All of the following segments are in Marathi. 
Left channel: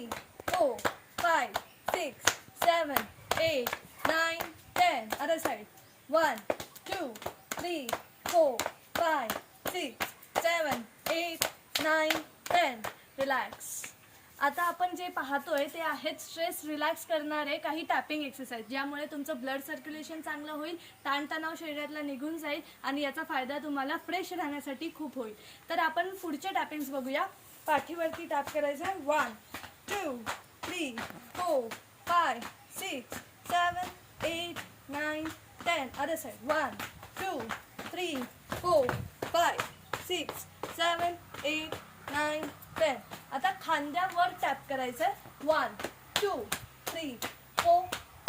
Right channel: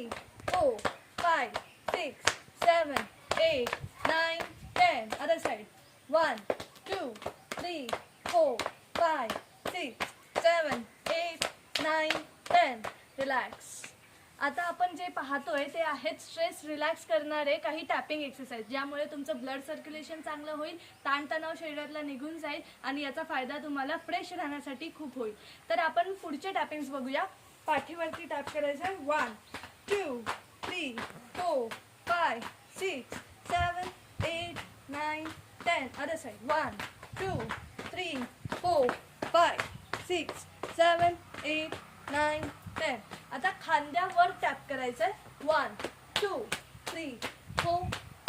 three, four, five, six, seven, eight, nine, ten. Other side. One, two, three, four, five, six, seven, eight, nine, ten. Relax. आता आपण जे पाहतोय ते आहेत स्ट्रेस रिलॅक्स करणारे काही टॅपिंग एक्सरसाइज ज्यामुळे तुमचं ब्लड सर्क्युलेशन चांगलं होईल ताणतणाव शरीरातला निघून जाईल आणि याचा फायदा तुम्हाला फ्रेश राहण्यासाठी खूप होईल तर आपण पुढच्या टॅपिंग्स बघूया पाठीवरती टॅप करायचं आहे one two, three four five six seven eight nine ten other side one two three four five six seven eight nine ten आता खांद्यावर टॅप करायचं आहे one two three four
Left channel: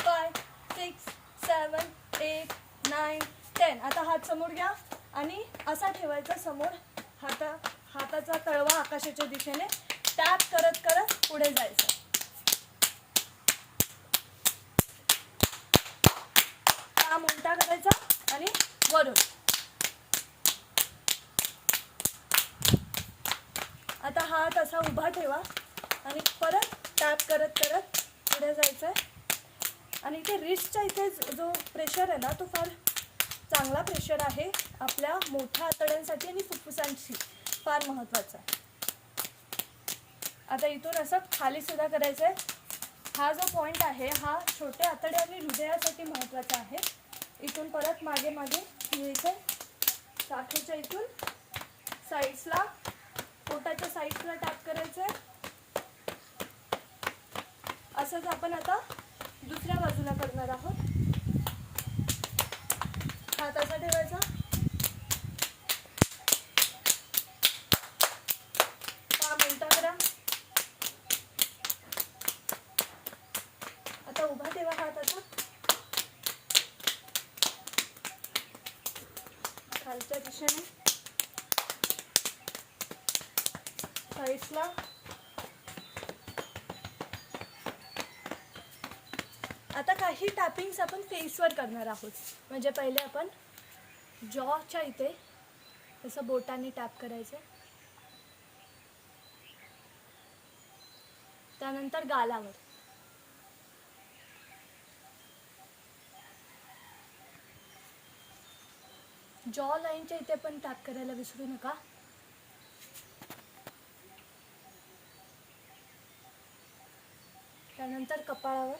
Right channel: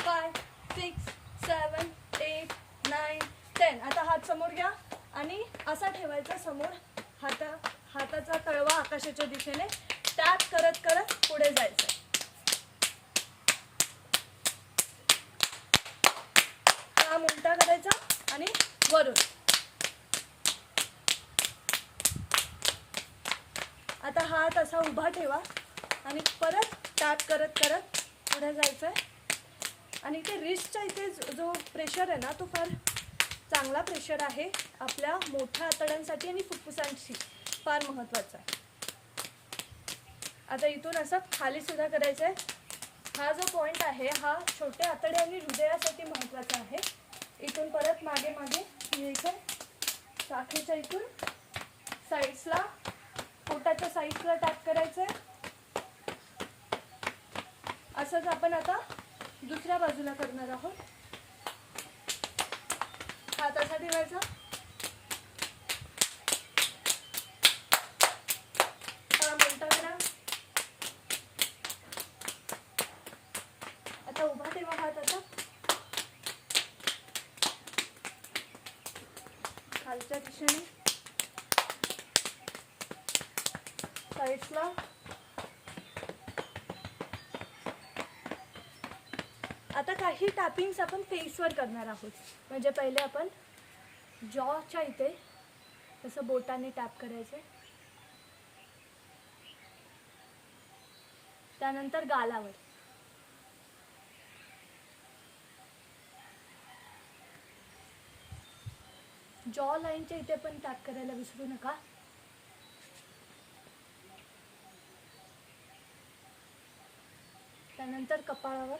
five six seven eight nine ten आता हात समोर घ्या. आणि असा ठेवायचा समोर हाता हाताचा तळवा आकाशाच्या दिशेने. टॅप करत करत पुढे जायचं. काम उलटा करायचा आणि वरून. आता हात असा उभा ठेवा आणि परत टॅप करत करत पुढे जायचं आहे आणि इथे रिस्टच्या इथे जो प्रेशर आहे ना तो फार चांगला प्रेशर आहे. आपल्या मोठ्या आतड्यांसाठी आणि फुफ्फुसांशी फार महत्त्वाचा आहे. आता इथून असं खाली सुद्धा करायचं आहे हा जो पॉईंट आहे हा छोटे आतडे आणि हृदयासाठी महत्त्वाचा आहे. इथून परत मागे मागे यायचं साखेच्या इथून साईड्सला पोटाच्या साईड्सला टॅप करायचं आहे असंच आपण आता दुसऱ्या बाजूला करणार आहोत. हात असा ठेवायचा हा उलटा करा आता उभा ठेवा हात असा खालच्या दिशेने. साईडला आता काही टॅपिंग्स आपण फेसवर करणार आहोत. म्हणजे पहिले आपण जॉच्या इथे तसं बोटाने टॅप करायचं. त्यानंतर गालावर. जॉ लाईनच्या इथे पण टॅप करायला विसरू नका. त्यानंतर कपाळावर.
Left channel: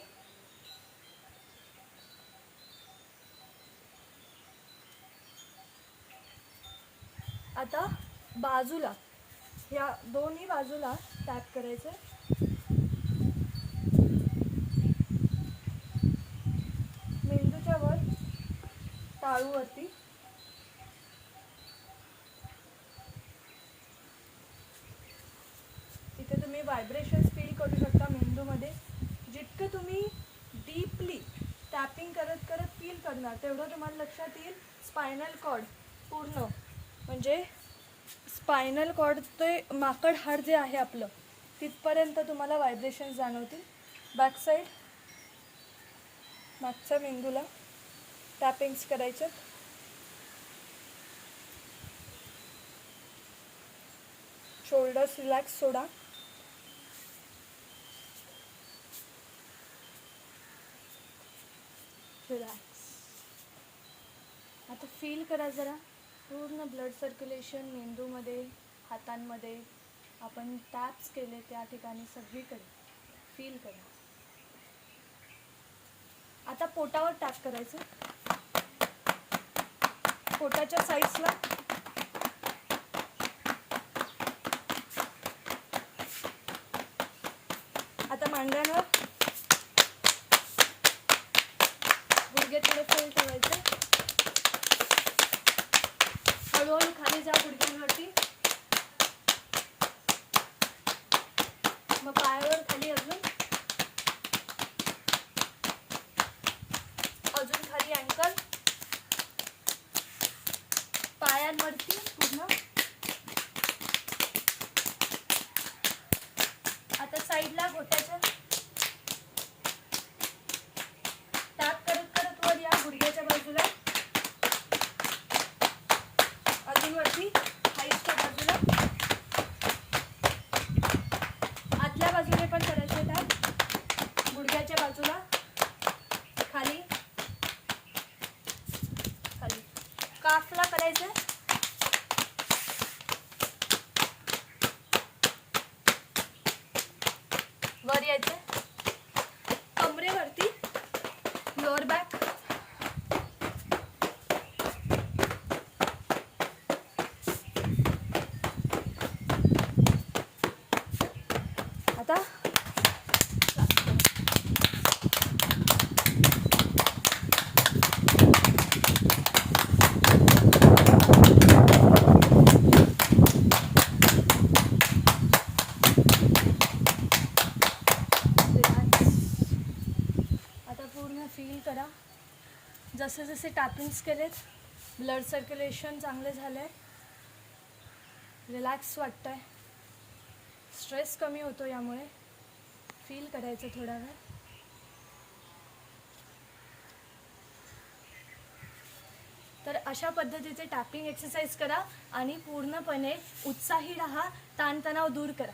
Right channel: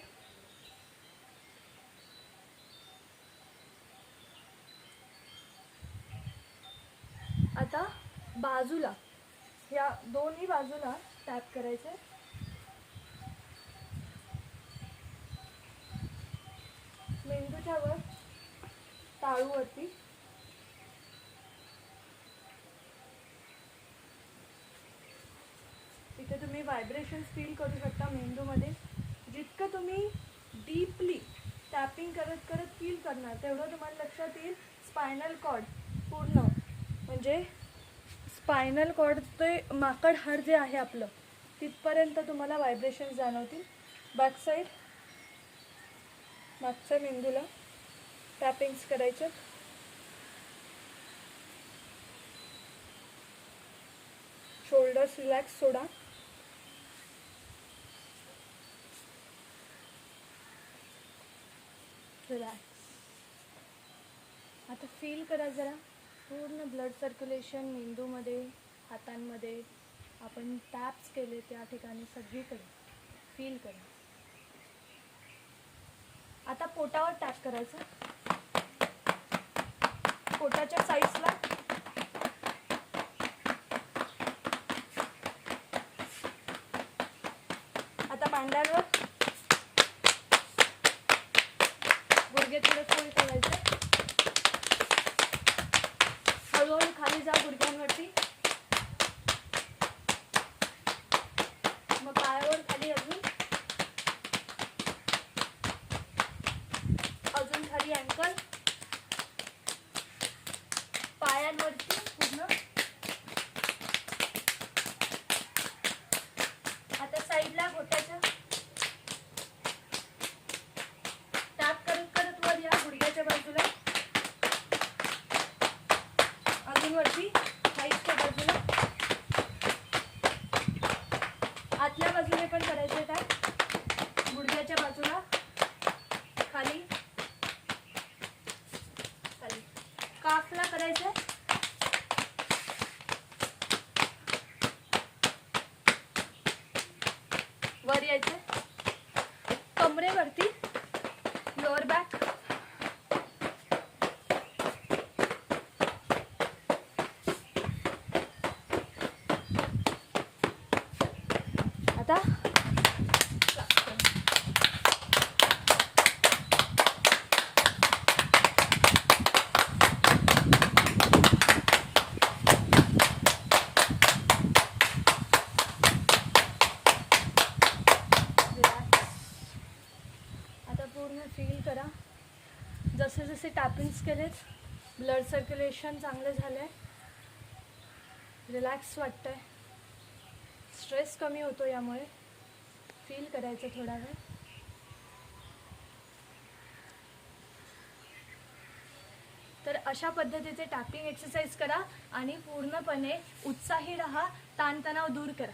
आता बाजूला या दोन्ही बाजूला टॅप करायचं. मेंदूच्या वर टाळूवरती तिथे तुम्ही व्हायब्रेशन्स फील करू शकता मेंदूमध्ये. जितकं तुम्ही डीपली टॅपिंग करत करत फील करणार तेवढं तुम्हाला लक्षात येईल स्पायनल कॉर्ड पूर्ण. म्हणजे स्पायनल कॉर्ड ते माकड हाड जे आहे आपलं तिथपर्यंत तुम्हाला व्हायब्रेशन्स जाणवतील. बॅकसाईड मागच्या मेंदूला टॅपिंग्स करायच्यात शोल्डर्स रिलॅक्स सोडा. रिलॅक्स आता फील करा जरा. पूर्ण ब्लड सर्क्युलेशन मेंदूमध्ये हातांमध्ये आपण टॅप्स केले त्या ठिकाणी सगळीकडे. फील करा. आता पोटावर टॅप करायचं. पोटाच्या साईड्सला आता मांड्यांवर मागे थोडे फोल्ड ठेवायचे. हळूहळू खाली जा गुडघ्यांवरती. भाजींवरती हाईटच्या बाजूला. आतल्या बाजूने पण करायचे आहेत गुडघ्याच्या बाजूला खाली. खाली. काफला करायचं आहे टॅपिंग्स केलेत. ब्लड सर्क्युलेशन चांगले झाले. रिलॅक्स वाटतंय. स्ट्रेस कमी होतो यामुळे. फील करायचं थोडा वेळ. तर अशा पद्धतीचे टॅपिंग एक्सरसाइज करा आणि पूर्णपणे उत्साही राहा ताणतणाव दूर करा.